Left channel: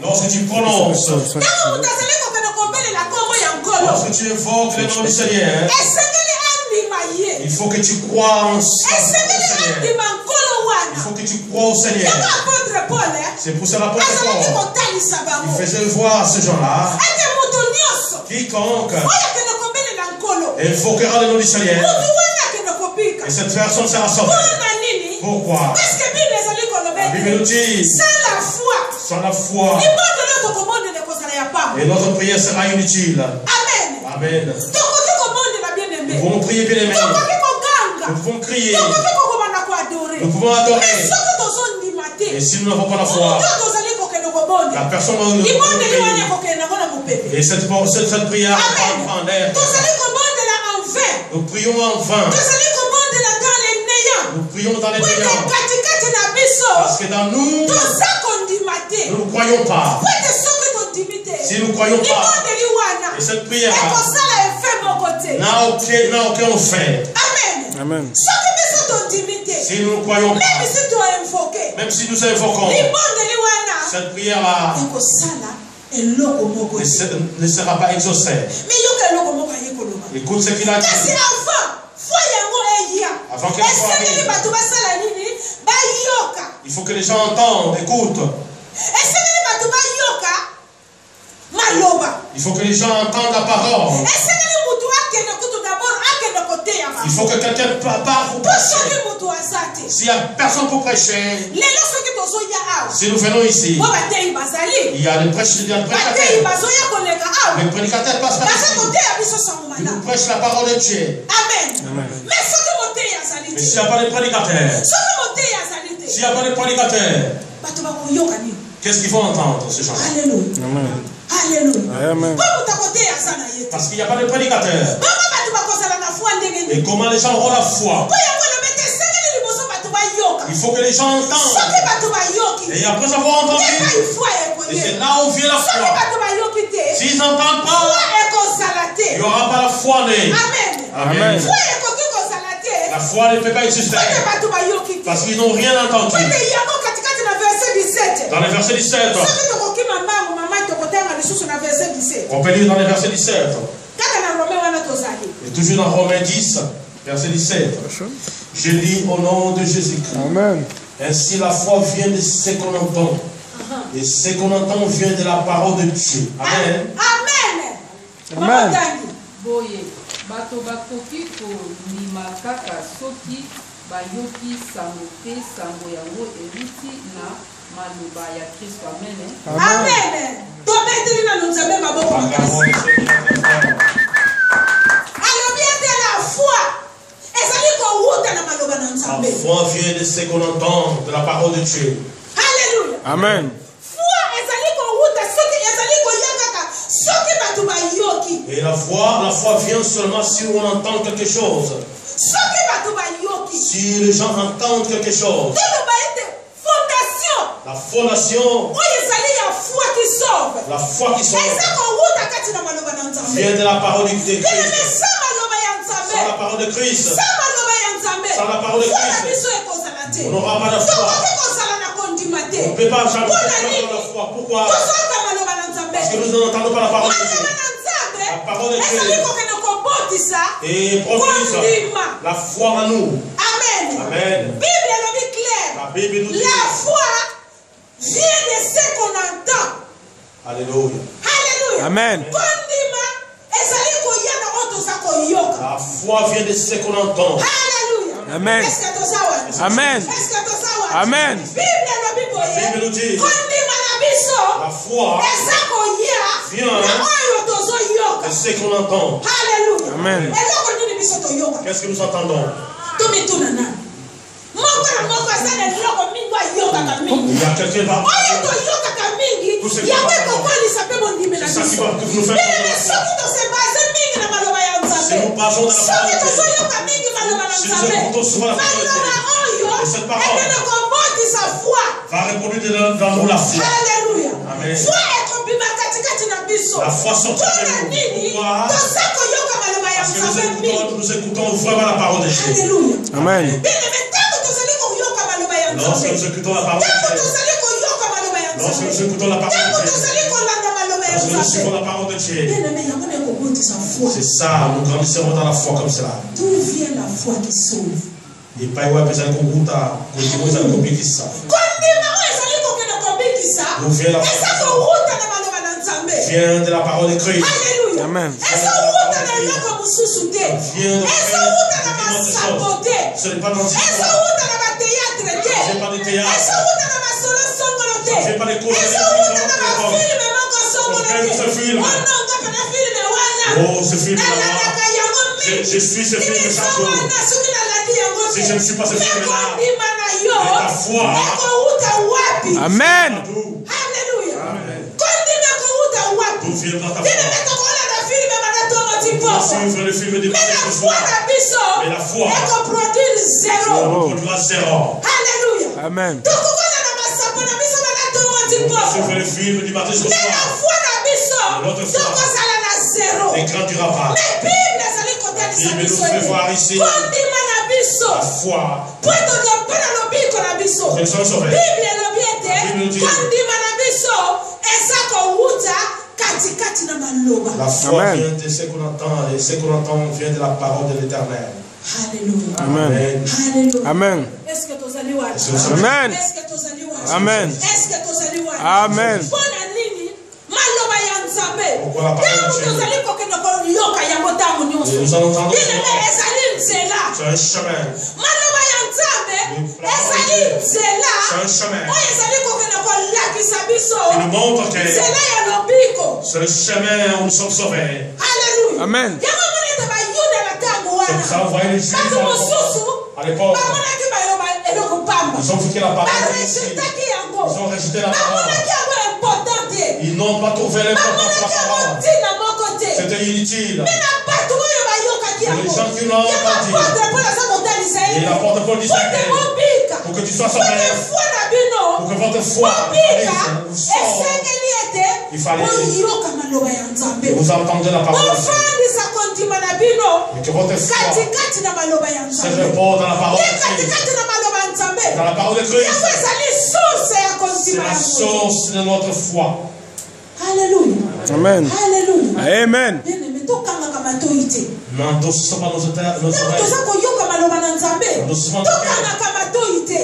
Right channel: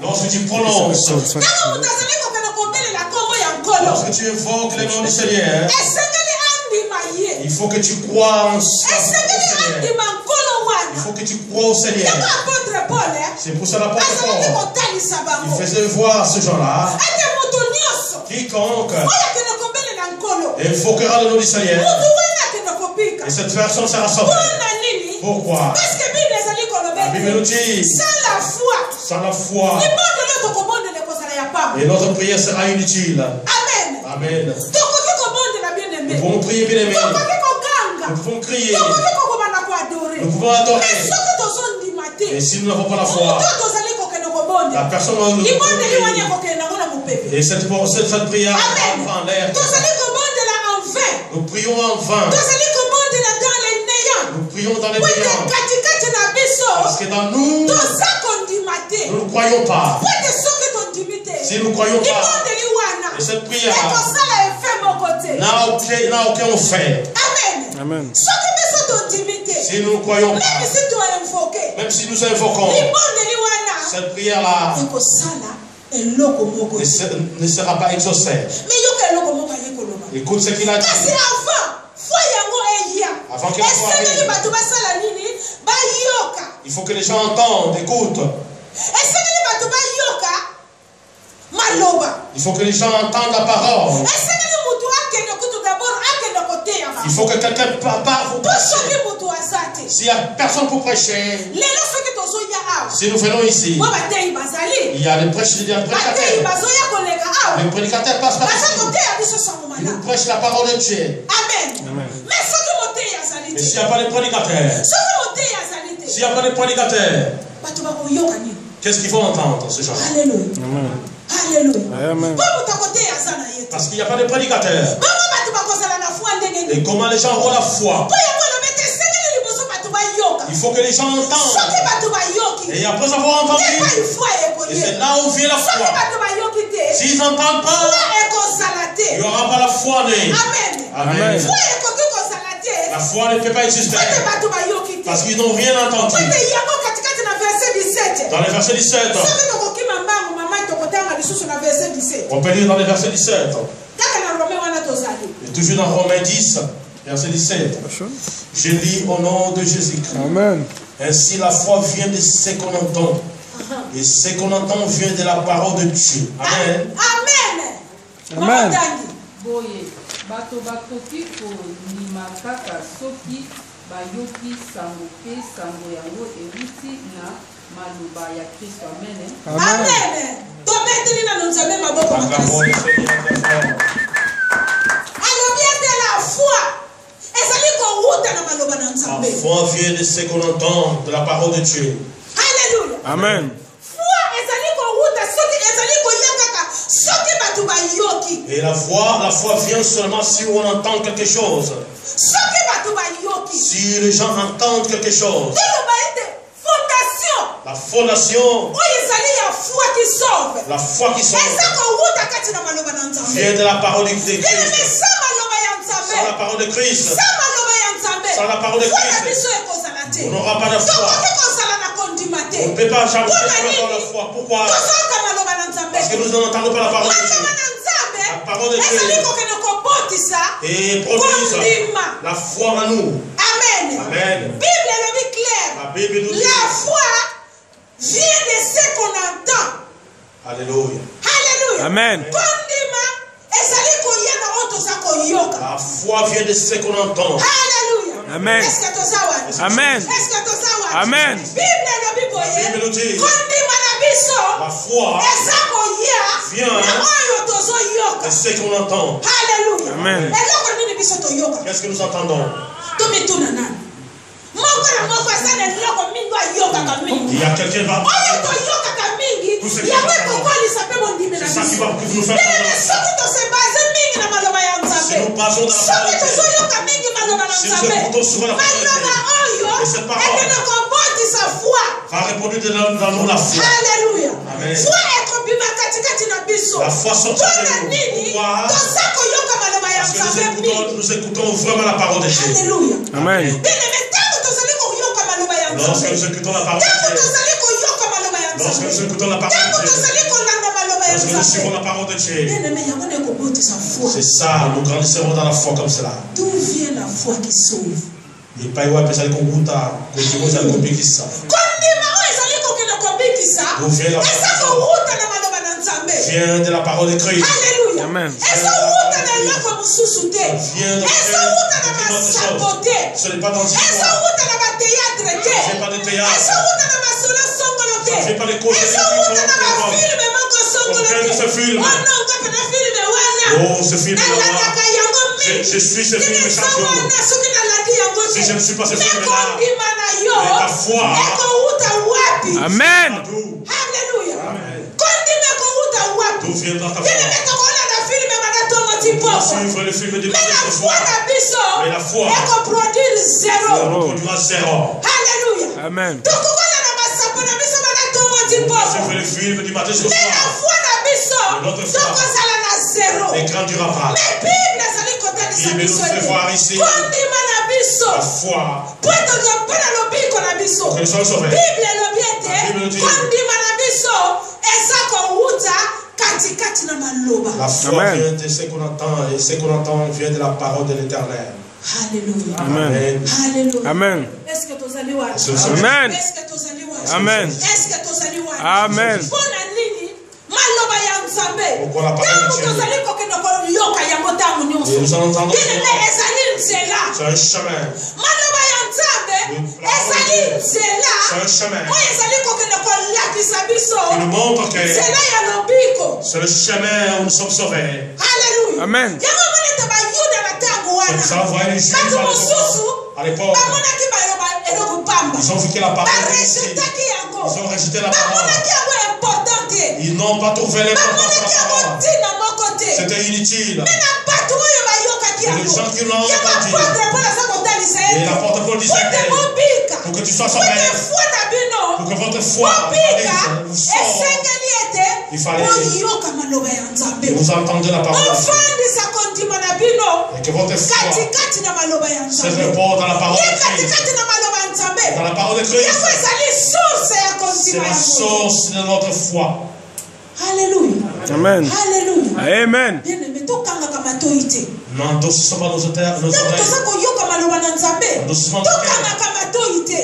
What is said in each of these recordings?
Lorsque tu prononces, lorsque tu invoques le nom du Seigneur, il faut que tu crois en Seigneur. Il faut que tu crois au Seigneur. C'est pour ça l'apôtre Paul, il faisait voir à ce gens-là, quiconque invoquera le nom du Seigneur, et cette personne sera sauvée. Pourquoi? La Bible nous dit, sans la foi, et notre prière sera inutile. Amen. Amen. Nous pouvons prier, bien aimé. Nous pouvons crier. Nous pouvons adorer. Et si nous n'avons pas la foi, la personne ne peut prier. Et cette prière en l'air. Nous prions en vain. Nous prions dans les néants. Parce que dans nous, nous ne croyons pas. Si nous ne croyons pas, et cette prière n'a aucun fait. Amen. Si nous ne croyons pas, même si nous invoquons, cette prière-là ne sera pas exaucée. Écoute ce qu'il a dit. Avant qu'il arrive, il faut que les gens entendent, écoutent. Il faut que les gens entendent la parole. Il faut que quelqu'un part pour prêcher. S'il n'y a personne pour prêcher, si nous venons ici, il y a des prédicateurs. Les prédicateurs passent par ici. Ils nous prêchent la parole de Dieu. Amen. Mais s'il n'y a pas de prédicateurs, s'il n'y a pas de prédicateurs, qu'est-ce qu'ils vont entendre, ces gens-là? Amen. Amen. Parce qu'il n'y a pas de prédicateurs. Et comment les gens auront la foi? Il faut que les gens entendent. Et après avoir entendu, et c'est là où vient la foi. S'ils n'entendent pas, il n'y aura pas la foi née. Amen. La foi ne peut pas exister. Parce qu'ils n'ont rien entendu. Dans le verset 17. On peut lire dans le verset 17. Et toujours dans Romains 10, verset 17. Je lis au nom de Jésus-Christ. Amen. Ainsi la foi vient de ce qu'on entend. Et ce qu'on entend vient de la parole de Dieu. Amen. Amen. Boye, bato bakoki kolima kaka soki bayoki sango pe sango yango eriti na maluba ya Kristo. Amen. Amen. La foi vient de ce qu'on entend, de la parole de Dieu. Alléluia. Amen. Et la foi vient seulement si on entend quelque chose. Si les gens entendent quelque chose. La fondation. La foi qui sauve. Vient de la parole de Christ. Sans la parole de Christ. Sans la parole de Christ. On n'aura pas de foi. On ne peut pas jamais avoir la foi. Pourquoi? Parce que nous n'entendons pas la parole de Dieu. La parole de Dieu. Et produise la foi en nous. Amen. La Bible nous dit. La foi vient de ce qu'on entend. Alléluia. Amen. La foi vient de ce qu'on entend. Amen. Amen. Amen. La Bible nous dit. La foi vient de ce qu'on entend. Amen. Qu'est-ce que nous entendons? Il y a quelqu'un là. Tout ce qui va c'est ça qui va nous faire. Si nous passons dans la parole, si nous écoutons souvent la parole, et cette parole va reproduire dans nous la foi. Amen. La foi sortit de nous. Pourquoi? Parce que nous écoutons vraiment la parole de Dieu. Amen. Lorsque nous écoutons la parole de Dieu, Lorsque nous écoutons la parole de Dieu, lorsque nous suivons la parole de Dieu, c'est ça, nous grandissons dans la foi comme cela. D'où vient la foi qui sauve? Et pas ouais, parce que nous D'où vient la foi? Vient de la parole de Christ. Alléluia. Amen. Ce n'est pas dans le ce n'est pas de théâtre. Ce n'est pas des cours de film. Oh, ce film là-bas. Je suis ce film de champion. Si je ne suis pas ce film là, la foi. Amen. Alléluia. D'où vient dans ta foi? Suivre le film de mais la foi produira zéro. Alléluia. Amen. Suivre le film du matin au soir. Notre foi ne grandira pas. Il nous fait voir ici la foi. Que nous sommes sauvés. La Bible nous dit la foi vient de ce qu'on entend et ce qu'on entend vient de la parole de l'Éternel. Alléluia. Amen. Alléluia. Amen. Est-ce que tu as lu? Amen. Est-ce que tu as lu? Amen. Est-ce que tu as lu? Amen. Pourquoi la parole de Dieu? Nous entendons c'est un chemin. C'est un chemin. Il nous montre que c'est le chemin où nous sommes sauvés. Alléluia. Amen. Ça envoie les Juifs à l'époque. Ils ont vu que la parole ici. Ils ont rejeté la parole. Ils n'ont pas trouvé l'importance de la parole. C'était inutile. Et les gens qui l'ont entendu. Et l'apôtre Paul disait pour que tu sois sauvé, pour que votre foi il fallait que vous entendiez la parole de Dieu. Et que votre foi se repose dans la parole de Christ. Dans la parole de Christ. C'est la source de notre foi. Alléluia. Amen. Alléluia. Amen. N'endossons pas nos oreilles.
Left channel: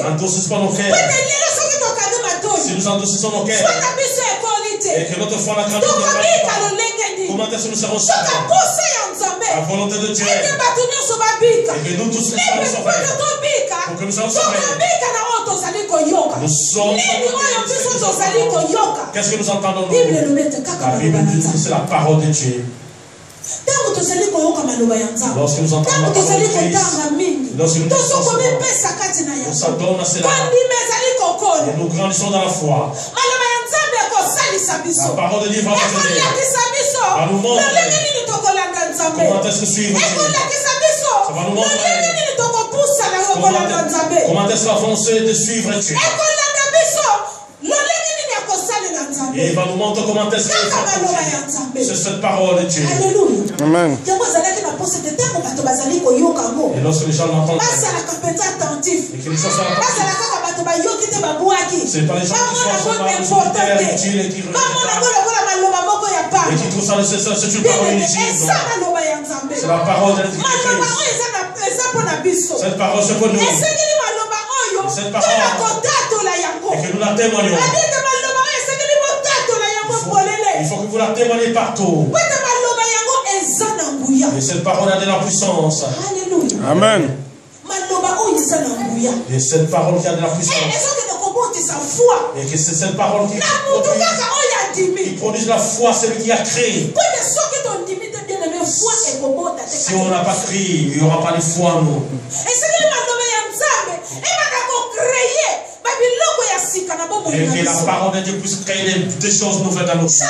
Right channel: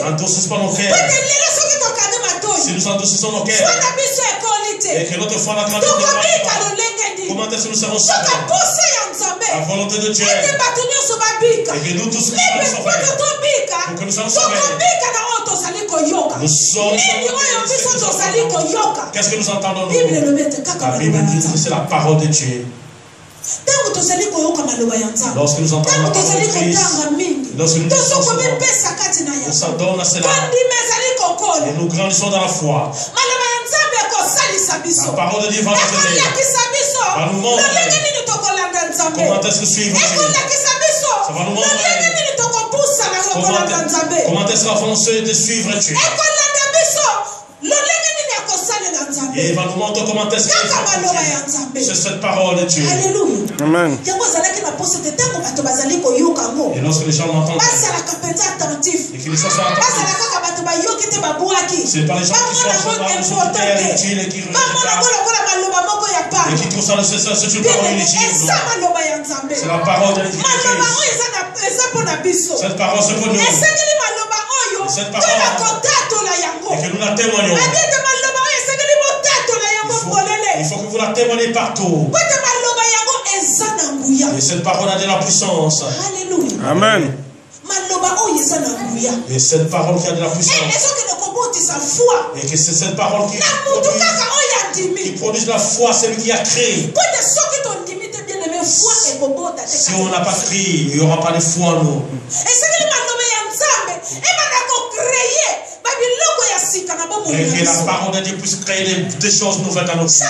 N'endossons pas nos cœurs. Si nous endossons nos cœurs et que notre foi n'a grandi, comment est-ce que nous serons sauvés? La volonté de Dieu. Et que nous tous nous soyons sauvés. Pour que nous soyons sauvés. Nous sommes. Qu'est-ce que nous entendons? La Bible dit que c'est la parole de Dieu. Lorsque nous entendons la parole de Christ, lorsque nous s'adonnons à cela, et nous grandissons dans la foi, la parole de Dieu va nous aider, va nous montrer comment est-ce que suivre Dieu. Ça va nous montrer comment est-ce l'avancer de suivre Dieu. Et il va nous montrer comment est-ce que c'est cette parole de Dieu. Alléluia. Amen. Et lorsque les gens l'entendent, et que les gens soient attentifs, ce n'est pas les gens qui sont seulement inutiles et qui regardent et qui trouvent ça c'est une parole inutile. C'est la parole de Christ. Cette parole c'est pour nous. Cette parole, et que nous la témoignons. Il faut que vous la témoignez partout. Et cette parole a de la puissance. Alléluia. Amen. Et cette parole qui a de la puissance. Et que c'est cette parole qui produit la foi, celle qui a créé. Si on n'a pas crié, il n'y aura pas de foi en nous. Et que la parole de Dieu puisse créer des choses nouvelles dans nos vies.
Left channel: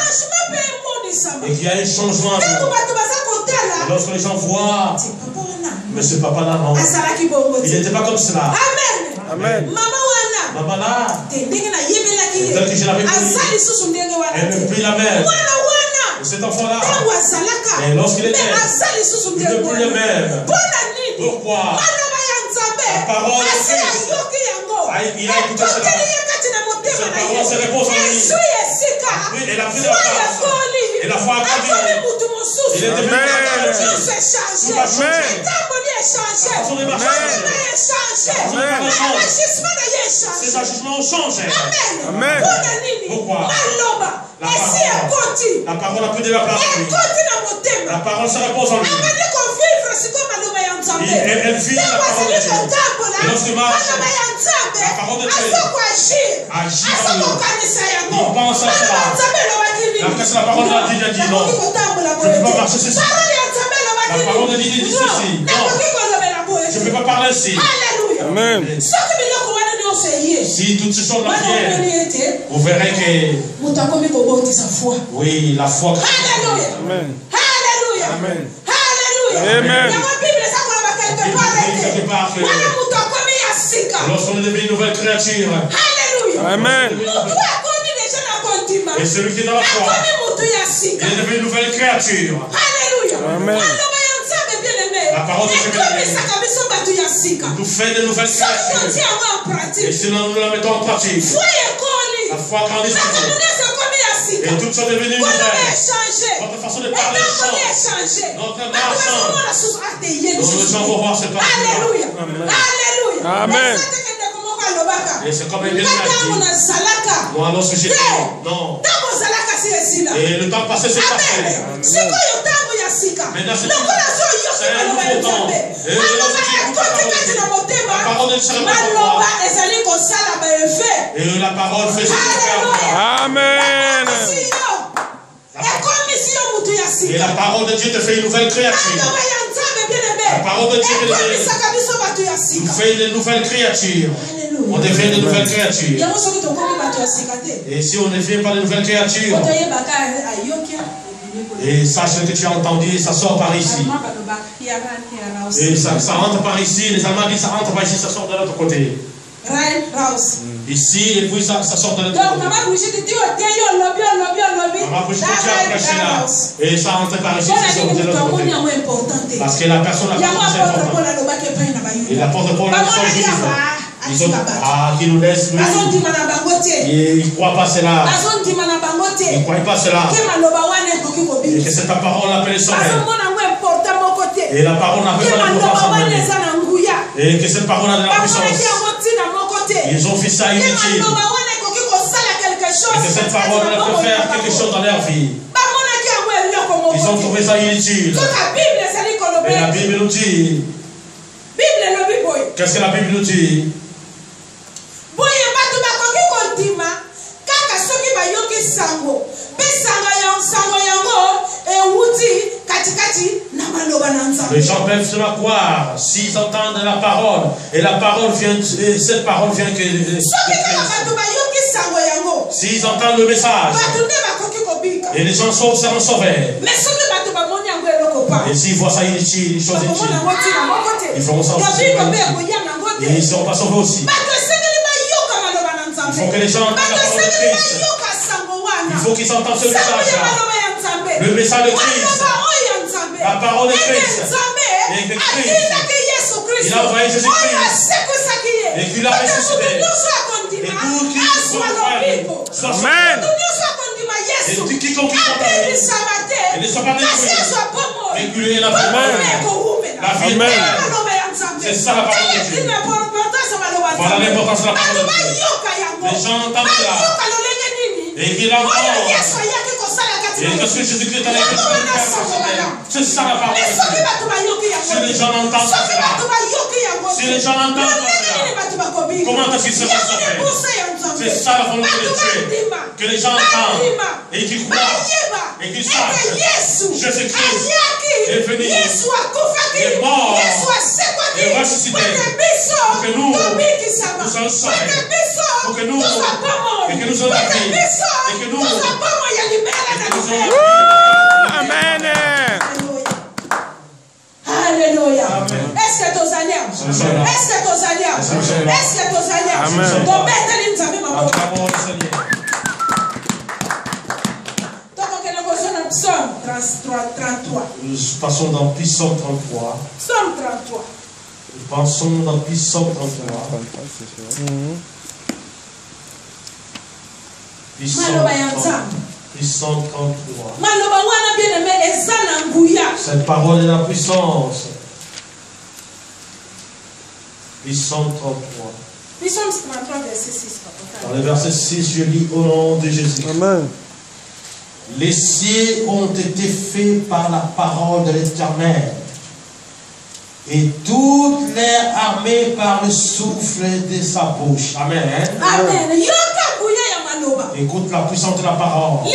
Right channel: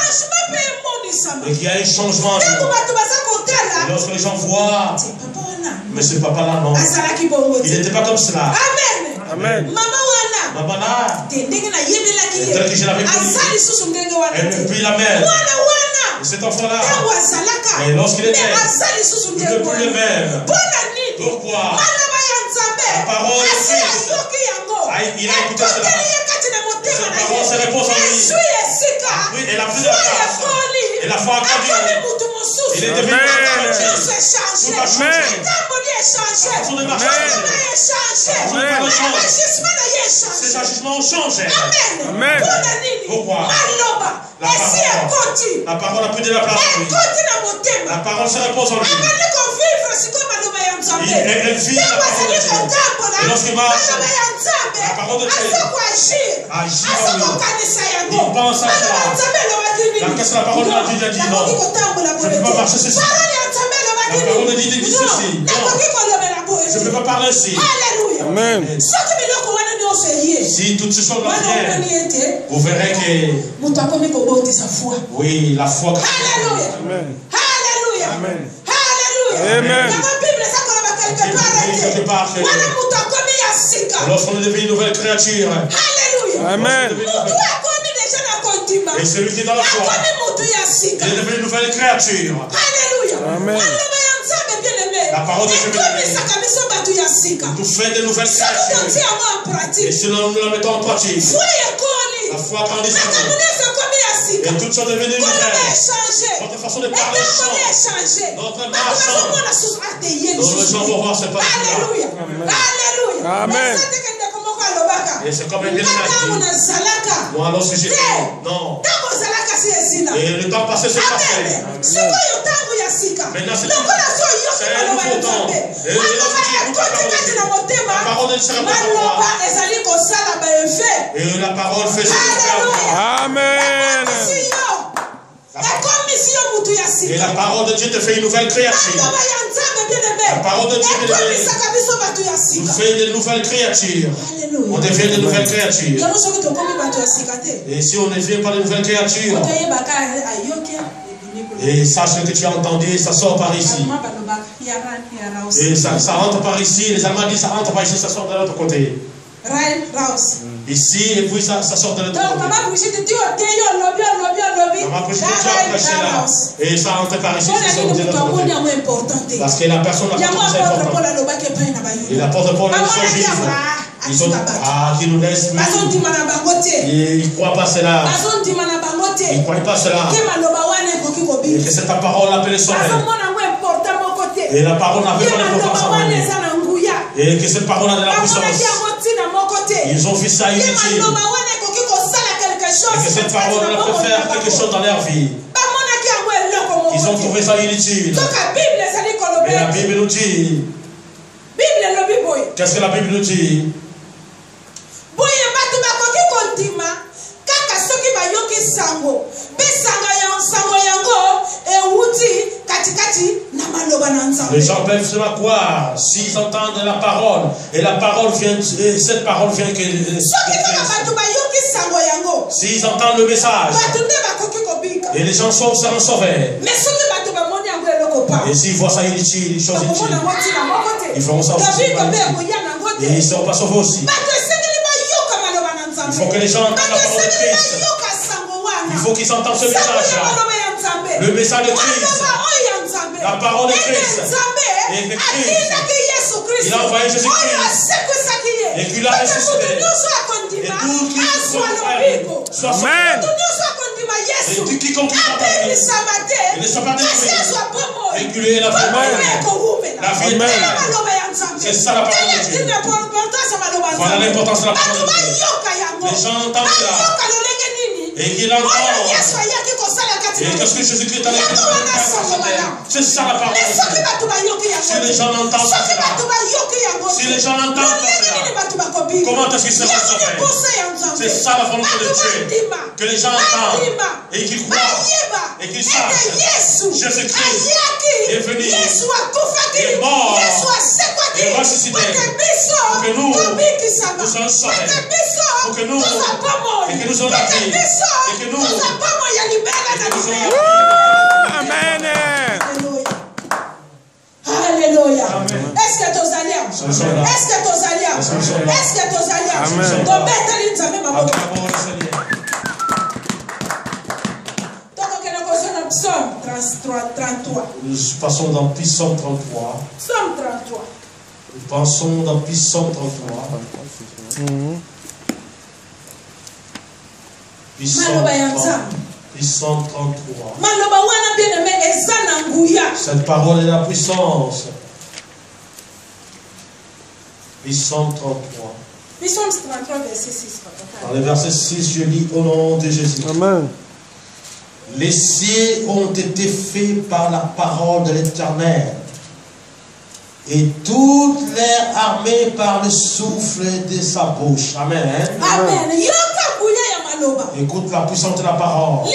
Et qu'il y a un changement. Et lorsque les gens voient, mais ce papa là, non. Il n'était pas comme cela. Amen. Maman là, tel que je l'avais connu, elle ne peut la mère. Et cet enfant là, et lorsqu'il est mère, il ne peut plus le même. Pourquoi? La parole de Christ, il a écouté cela. parole se repose en lui. Oui, elle a pris la place. Et la foi a grandi. Il est devenu Amen. tout a changé. La façon de marcher a changé. Ses agissements ont changé. Amen. Pourquoi? La parole a pris de la place en lui. La parole se repose en lui. Elle vit la parole de Dieu. Et lorsqu'il marche, la parole de Dieu agit en lui. Il pense à cela. Qu'est-ce que la parole de Dieu a dit? Non, je ne peux pas marcher ceci. La parole de Dieu dit ceci. Non, je ne peux pas parler ainsi. Amen. Si toutes ces choses là viennent, vous verrez que oui, la foi. Amen. Amen. Amen. Quelque part que lorsqu'on est devenu une nouvelle créature, Amen. et celui qui est dans la foi, il est devenu une nouvelle créature. Amen. La parole de Dieu nous fait de nouvelles créatures. Et si nous la mettons en pratique, la foi grandit. Et toutes sont devenues nouvelles. Notre façon de parler change. Notre marche change. Donc les gens vont voir cette partie-là. Amen. Et c'est comme il l'a dit. Moi, lorsque j'étais, non. Et le temps passé, c'est passé. Maintenant, c'est un nouveau temps. Et lorsque la parole ne sera pas pour moi. Et la parole fait ce qu'il fait. Amen. Et la parole de Dieu te fait une nouvelle créature. La parole de Dieu nous fait une nouvelle créature. On devient de nouvelles créatures. Et si on ne devient pas de nouvelles créatures, et sache que tu as entendu, ça sort par ici. Et ça rentre par ici. Les Allemands disent ça rentre par ici, ça sort de l'autre côté. Ici, et puis ça sort de l'autre côté. Maman Brigitte, tu as prêché là. Et ça rentre par ici, ça sort de l'autre côté. Parce que la personne n'a pas très important. Et l'apôtre Paul sont juifs. Ils ont qui nous laissent. Ils ne croient pas cela. Ils ne croient pas cela. Et que cette parole appelle son et la parole n'a pas d'importance en elle. Et que cette parole a de la puissance. Ils ont vu ça inutile. Et que cette parole peut faire quelque chose dans leur vie. Ils ont trouvé ça inutile. Et la Bible nous dit. Qu'est-ce que la Bible nous dit? Les gens peuvent se la croire s'ils entendent la parole et la parole vient, cette parole vient que s'ils entendent le message et les gens seront sauvés. Et s'ils voient ça inutile, les choses inutiles, ils feront ça aussi. Et ils ne seront pas sauvés aussi. Il faut que les gens entendent la parole de Christ. Il faut qu'ils entendent ce message-là. Le message de Christ. La parole de Christ. Et que Christ, il a envoyé Jésus-Christ. Et qu'il a ressuscité. Et tout qui soit Amen. Et tout quiconque qui soit parmi, et ne soit pas détruit. Et qu'il ait la vie. La vie éternelle. C'est ça la parole de Dieu. Voilà l'importance de la parole de Dieu. Les gens entendent cela. Et qu'ils l'entendent. Et qu'est-ce que Jésus-Christ a dit? C'est ça la parole de Dieu. Si les gens n'entendent pas cela, si les gens n'entendent pas cela, comment est-ce qu'ils seront sauvés? C'est ça la volonté de Dieu. Que les gens entendent et qu'ils croient et qu'ils sachent Jésus-Christ est venu, est mort, est ressuscité pour que nous soyons sauvés, pour que nous soyons la vie, et que nous Amen. Alléluia. Est-ce que tu es alliés? Est-ce que tu es alliés? Est-ce que tu es alliés? Amen. Psaume 33. Nous passons dans Psaume 33. Psaume 33. Nous passons dans Psaume 33. Puissant 33. Cette parole est la puissance. Puissant 33. Dans le verset 6, je lis au nom de Jésus. Amen. Les cieux ont été faits par la parole de l'Éternel, et toute leur armée par le souffle de sa bouche. Amen. Amen. Écoute la puissance de la parole.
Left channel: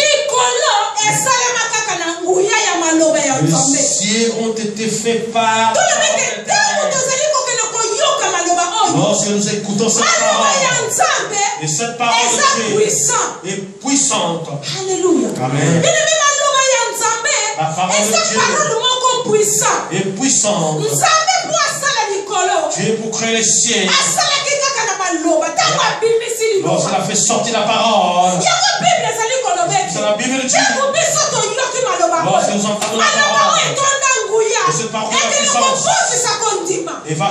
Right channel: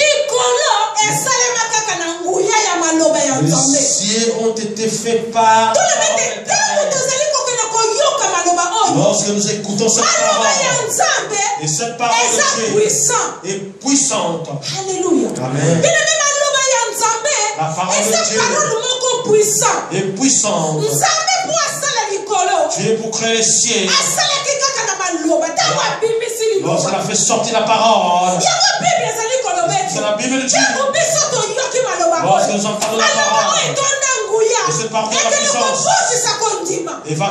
Les cieux ont été faits par la parole de l'Éternel. Lorsque nous écoutons cette parole, et cette parole de Dieu est puissante. Alléluia. Amen. La parole de Dieu est puissante. Dieu pour créer les cieux. Lorsqu'elle a fait sortir la parole, c'est la Bible de Dieu. Lorsque nous entendons la parole, et cette parole de la puissance, et va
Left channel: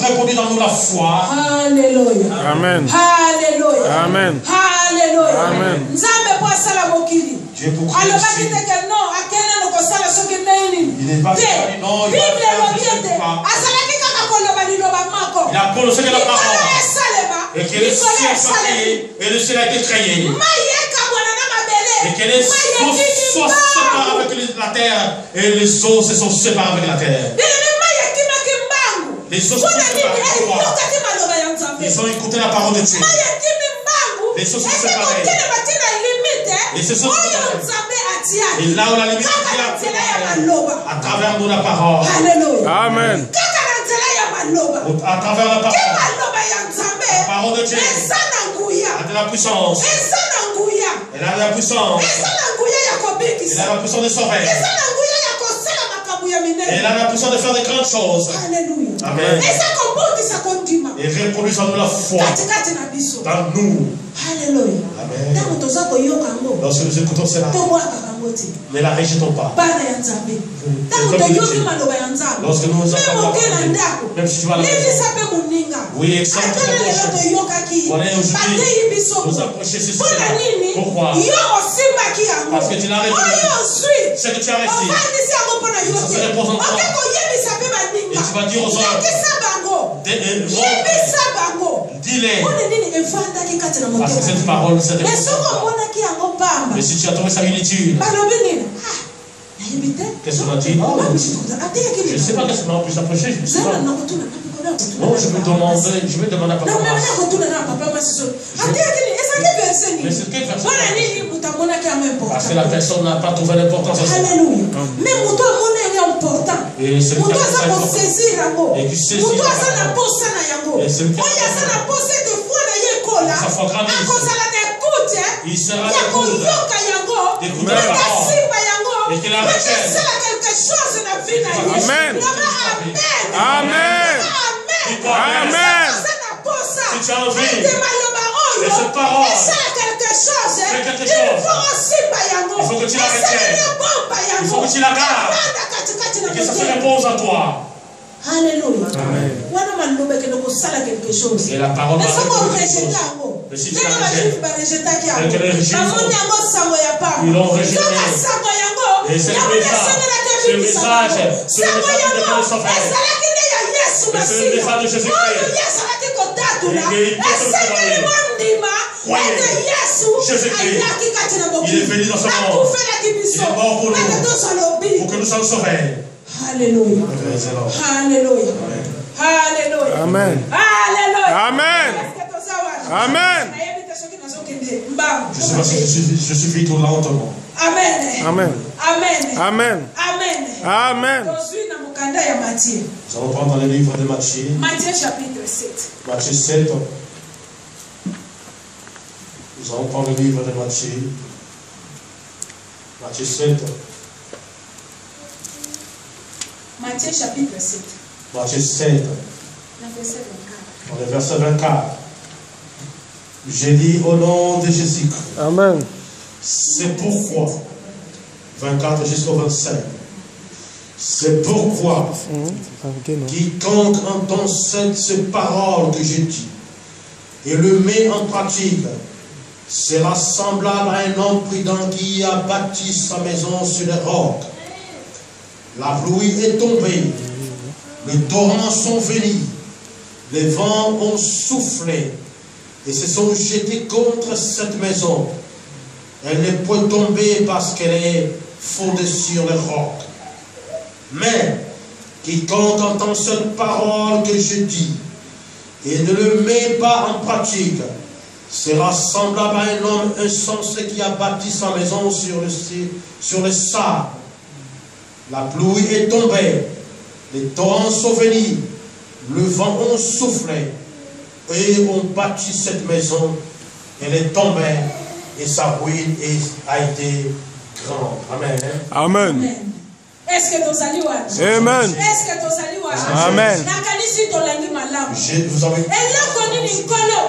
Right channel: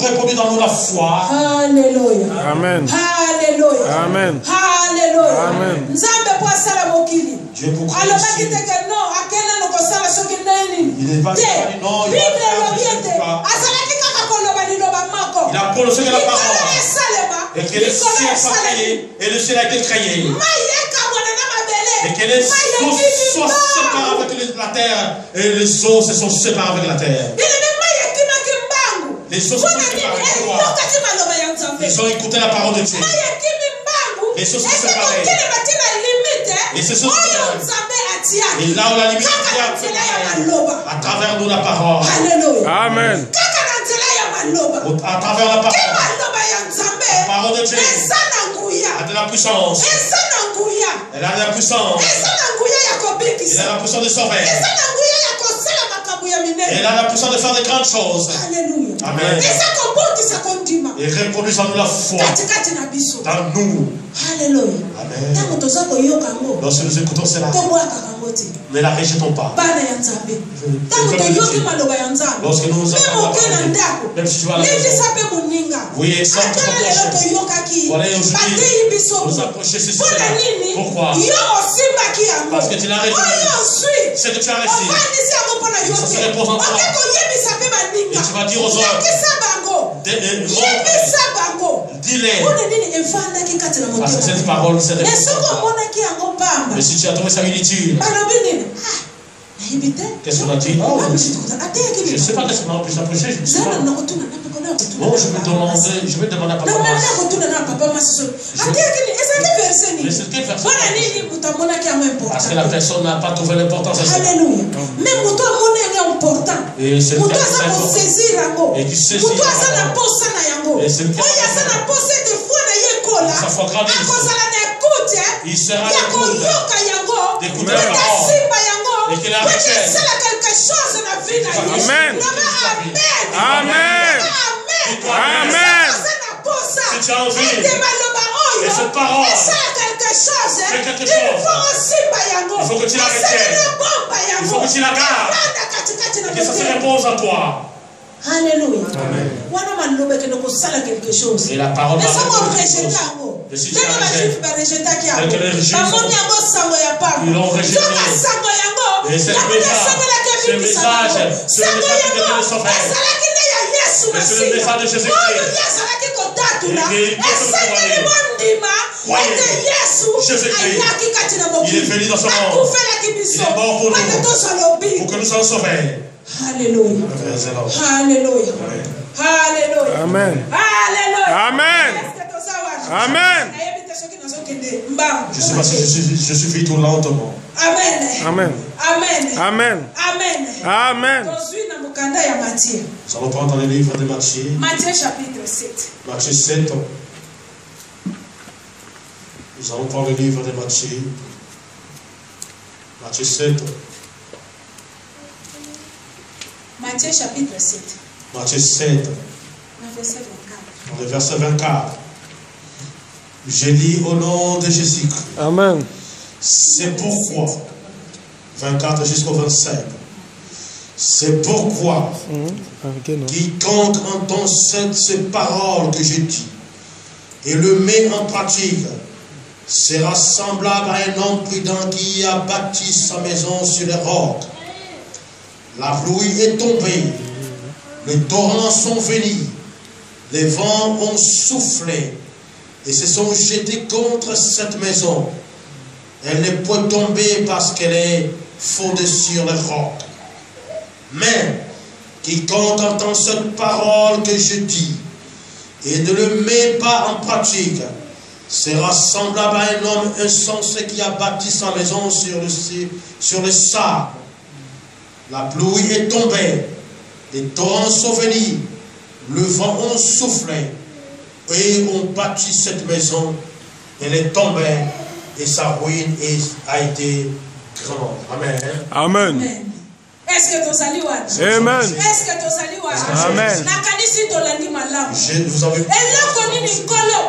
répondre dans nous la foi. Alléluia. Amen. Alléluia. Amen. Alléluia. Amen. Dieu pour créer les cieux. Il n'est pas dit non, il va faire ce pas. Il a prononcé la parole. Et que les cieux soient créés, et le ciel a été créé. Et que les eaux soient séparées avec la terre, et les eaux se sont séparées avec la terre. Les eaux se sont séparées avec toi. Ils ont écouté la parole de Dieu. Les eaux se sont séparées. Et ce sont et là où la limite est à travers nous la parole. Amen. À travers la parole. La parole de Dieu a de la puissance. Elle a de la puissance. Elle a la puissance de sauver. Elle a la puissance de faire de grandes choses. Amen. Et reproduisons nous la foi dans nous. Alléluia. Amen. Lorsque nous écoutons cela, ne la rejetons pas. Lorsque nous nous entendons, même si tu vas à la maison, oui, exaltons ton prochain. Voilà, aujourd'hui, nous approcher ce cela. Pourquoi? Parce que tu l'as reçu. C'est que tu as reçu. Ça se repose en toi. Et tu vas dire aux autres, dis-les. Parce que cette parole, c'est mais si tu as trouvé ça inutile, qu'est-ce qu'on a dit? Oh, je ne sais pas qu'est-ce qu'on a pu s'approcher. Je ne sais pas. Non, je vais demander à papa. Mais c'est quel verset? Parce que la personne n'a pas trouvé l'importance de ça. Et c'est le cas et qui saisit la parole. Et c'est le cas sa foi grandisse. Il sera l'écoute d'écouter la parole et qu'il la retienne. Amen. Amen. Amen. Si tu as envie, et cette parole fait quelque chose, il faut que tu la retiennes. Il faut que tu la gardes. Et que ça se repose en toi. Alléluia. Amen. Et la parole va faire quelque chose. Mais si tu la rejettes, ils l'ont rejeté. Et c'est le message de sauver. Mais c'est le message de Jésus-Christ. Croyez, Jésus-Christ, il est venu dans ce monde. Il est mort pour nous, pour que nous soyons sauvés. Alléluia. Alléluia. Alléluia. Amen. Alléluia. Amen. Amen. Je sais pas si je suis vite ou lentement. Amen. Amen. Amen. Amen. Amen. Amen. Nous allons prendre le livre de Matthieu. Matthieu chapitre 7. Matthieu 7. Nous allons prendre le livre de Matthieu. Matthieu 7. Matthieu chapitre 7. Matthieu 7. Dans le verset 24. Je lis au nom de Jésus-Christ. Amen. C'est pourquoi, 24 jusqu'au 25, c'est pourquoi quiconque entend ces paroles que je dis et le met en pratique sera semblable à un homme prudent qui a bâti sa maison sur les rocs. La pluie est tombée, les torrents sont venus, les vents ont soufflé et se sont jetés contre cette maison. Elle ne peut tomber parce qu'elle est fondée sur les rocs. Mais quiconque entend cette parole que je dis et ne le met pas en pratique sera semblable à un homme insensé qui a bâti sa maison sur le sable. La pluie est tombée, les torrents sont venus, le vent a soufflé et ont bâti cette maison. Elle est tombée et sa ruine a été grande. Amen. Amen. Est-ce que tu allez voir? Amen. Est-ce que tu allez voir? Amen. Nakanisi to landi malamu. Vous avez... Eloko nini nkolo?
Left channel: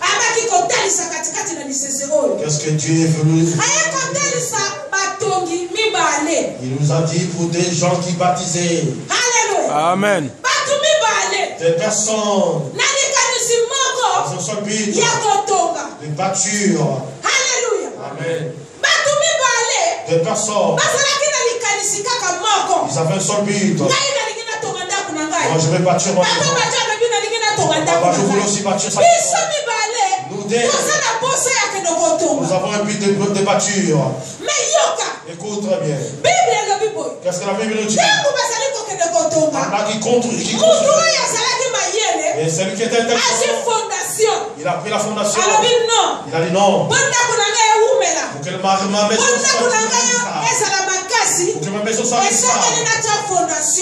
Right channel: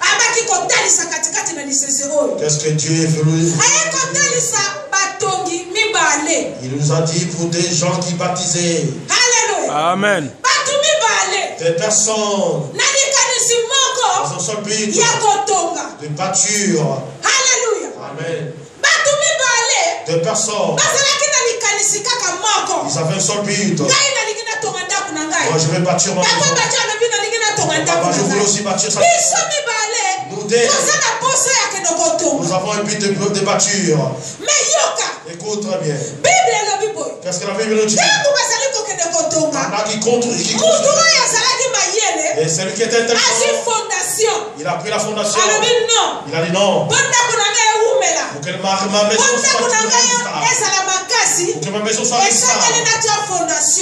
Abaki kotalisa katikati na lisese oyo. Qu'est-ce que Dieu est venu? Aye kotalisa batongi mibale. Il nous a dit pour des gens qui baptisaient. Alléluia. Amen. Batu mibale. Des personnes. Nalikanisi moko. Dans un seul but. Ya kotonga. De bâture. Alléluia. Amen. Batu mibale. Des personnes. Bazalaki nalikanisi kaka moko. Ils avaient un seul but. Ngai nalikina tonga ndaku na ngai. Moi je vais bâtir ma maison. Batu bacha lobi nalikina tonga ndaku na ngai. Je voulais aussi bâtir sa Biso mibale. Nous avons un but de bâture. Écoute très bien. Qu'est-ce que la Bible nous dit? Pendant qu'il construit. Et celui qui était intelligent, il a pris la fondation. Il a dit non. Pour que ma maison soit stable.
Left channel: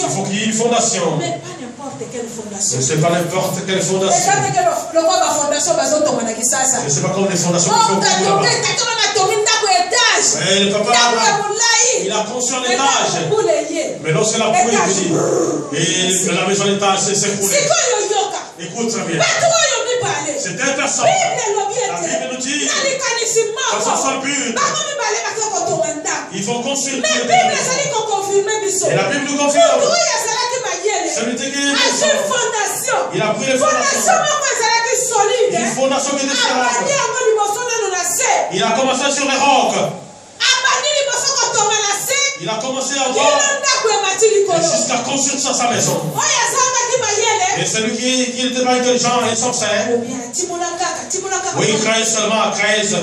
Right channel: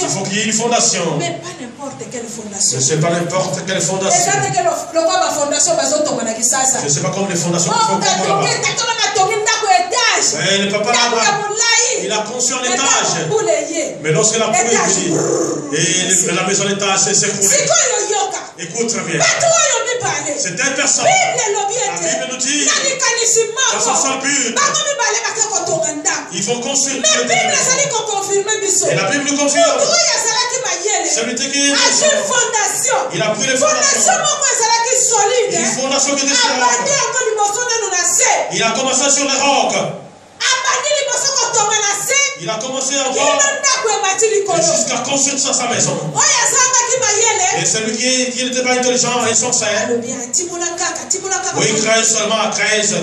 Il faut qu'il y ait une fondation. Mais pas n'importe quelle fondation. Ce n'est pas n'importe quelle fondation. Ce n'est pas comme les fondations qu'il faut là-bas. Le papa il a conçu un étage. Mais lorsque la pluie est venue, et la maison d'étage s'est écroulée. Écoute très bien. C'est une personne. La Bible nous dit, dans un seul but, il faut construire. Et la Bible nous confirme. Celui qui est il a pris les fondations. Une fondation qui était sur les rocs. Il a commencé sur les rocs. Il a commencé à voir jusqu'à construire sa maison. Et celui qui n'était pas intelligent et insensé, oui, il crée seulement à 13.